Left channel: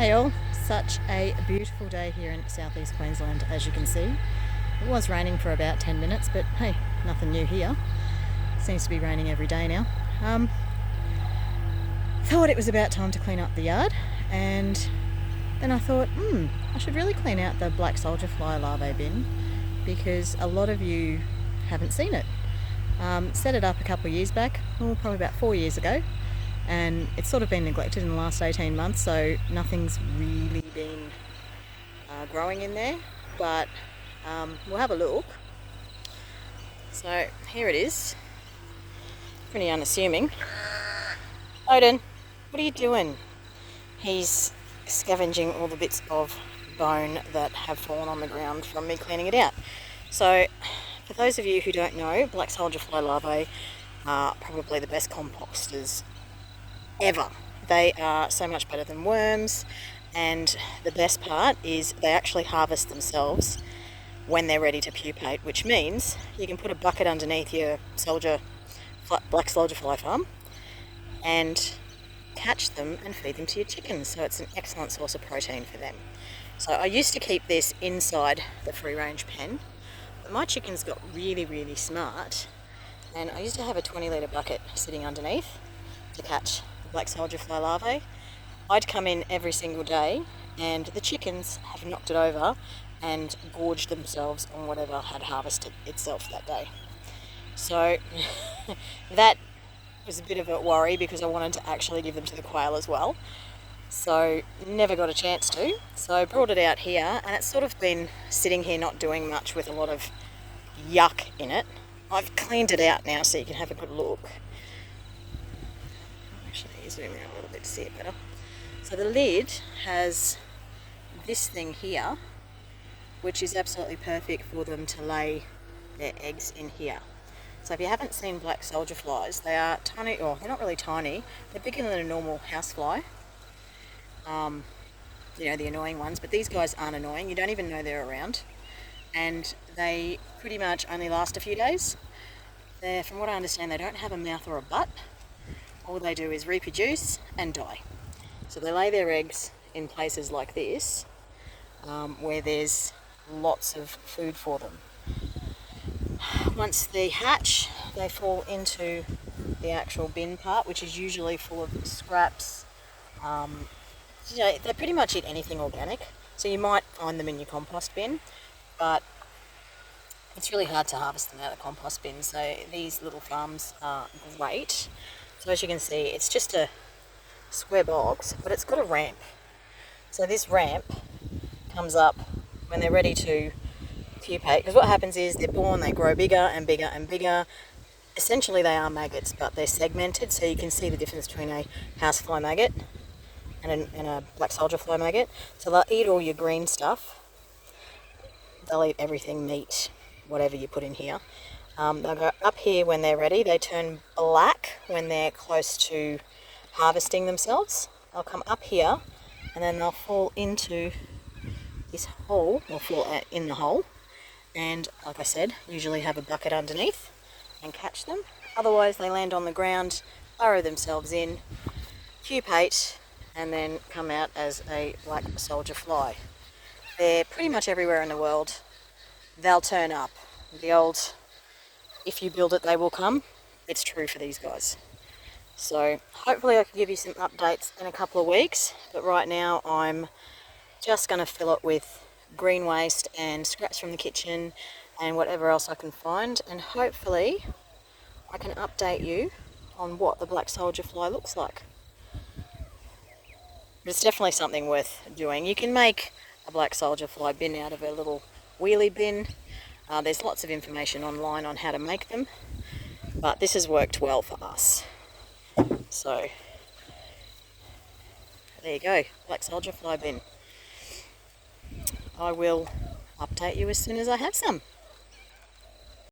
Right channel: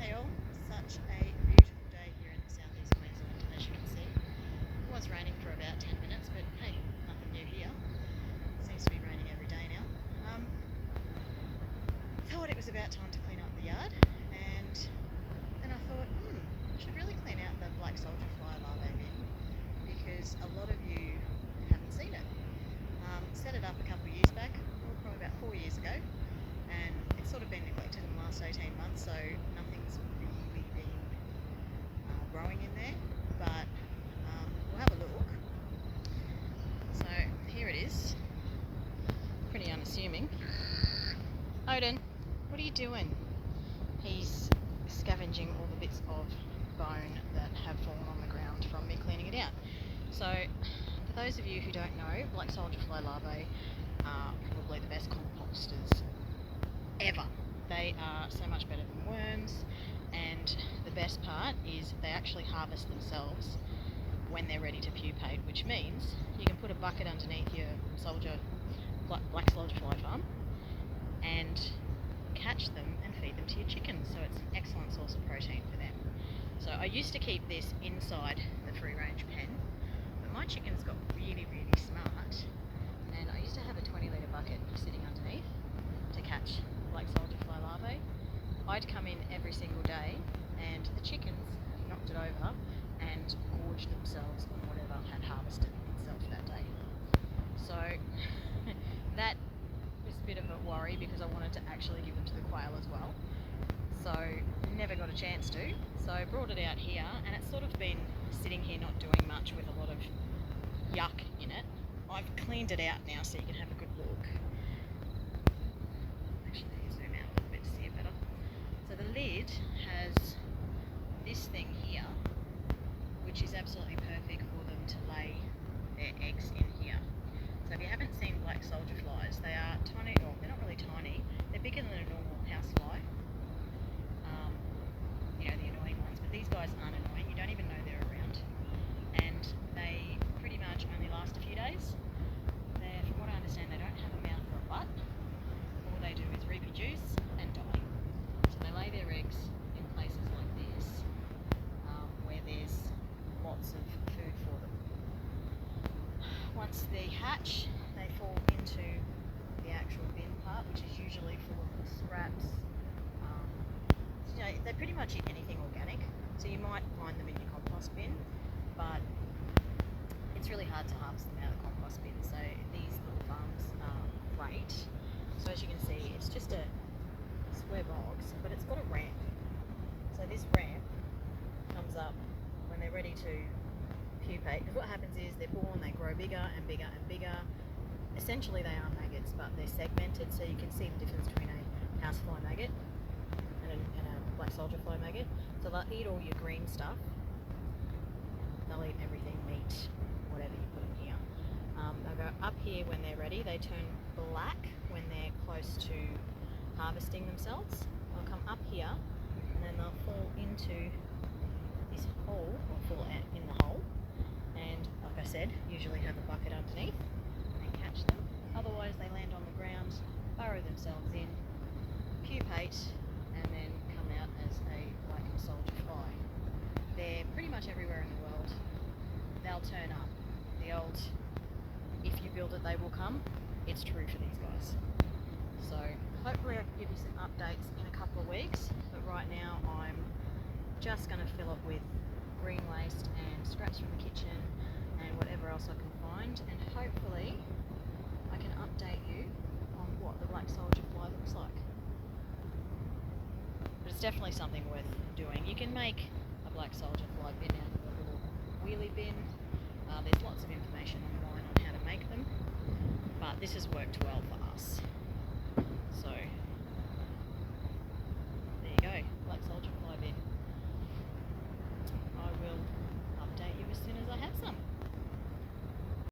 Hey all, such a beautiful day here in southeast Queensland, as you can see. It was raining for about 10 minutes, but hey, nothing new here. Seems to be raining every day now. Thought it was about time to clean up the yard, and then I thought, I should really clean out the black soldier fly larvae bin because a lot of you haven't seen it. Set it up a couple of years back, probably about 4 years ago, and it's sort of been neglected in the last 18 months, so nothing's really been growing in there, but we'll have a look. So here it is, pretty unassuming. Odin, what are you doing? He's scavenging all the bits of bone that have fallen on the ground from me cleaning it out. So for those of you who don't know, black soldier fly larvae are probably the best composters ever. They are so much better than worms, and the best part is they actually harvest themselves when they're ready to pupate, which means you can put a bucket underneath your black soldier fly farm and catch them and feed them to your chickens. So it's an excellent source of protein for them. So I used to keep this inside the free range pen, but my chickens got really smart, and I used to have a 20 litre bucket sitting underneath to catch black soldier fly larvae. I'd come in every single day and the chickens have knocked it over and gorged themselves on whatever had harvested itself that day. So that was a bit of a worry because I wanted to actually give them to the quail as well. So never got a chance to. So I brought it out here, and it's sort of been sitting here not doing much with a lot of yuck in it. I've cleaned it out now so you can have a good look. Actually, zoom out a little bit to see it better. So the lid has this thing here, which is absolutely perfect for them to lay their eggs in here. So if you haven't seen black soldier flies, they are tiny, or they're not really tiny, they're bigger than a normal housefly. The annoying ones, but these guys aren't annoying. You don't even know they're around, and they pretty much only last a few days. From what I understand, they don't have a mouth or a butt. All they do is reproduce and die. So they lay their eggs in places like this, where there's lots of food for them. Once they hatch, they fall into the actual bin part, which is usually full of scraps. They pretty much eat anything organic, so you might find them in your compost bin, but it's really hard to harvest them out of the compost bin, so these little farms are great. So as you can see, it's just a square box, but it's got a ramp. So this ramp comes up when they're ready to pupate, because what happens is they're born, they grow bigger and bigger and bigger. Essentially they are maggots, but they're segmented, so you can see the difference between a housefly maggot and a black soldier fly maggot. So they'll eat all your green stuff. They'll eat everything, meat, whatever you put in here. They'll go up here when they're ready. They turn black when they're close to harvesting themselves. They'll come up here and then they'll fall into this hole, or fall in the hole, and like I said, usually have a bucket underneath and catch them. Otherwise they land on the ground, burrow themselves in, pupate, and then come out as a black soldier fly. They're pretty much everywhere in the world. They'll turn up. The old, if you build it they will come, it's true for these guys. So hopefully I can give you some updates in a couple of weeks, but right now I'm just going to fill it with green waste and scraps from the kitchen and whatever else I can find, and hopefully I can update you on what the black soldier fly looks like. But it's definitely something worth doing. You can make a black soldier fly bin out of a little wheelie bin. There's lots of information online on how to make them, but this has worked well for us. So there you go, black soldier fly bin. I will update you as soon as I have some.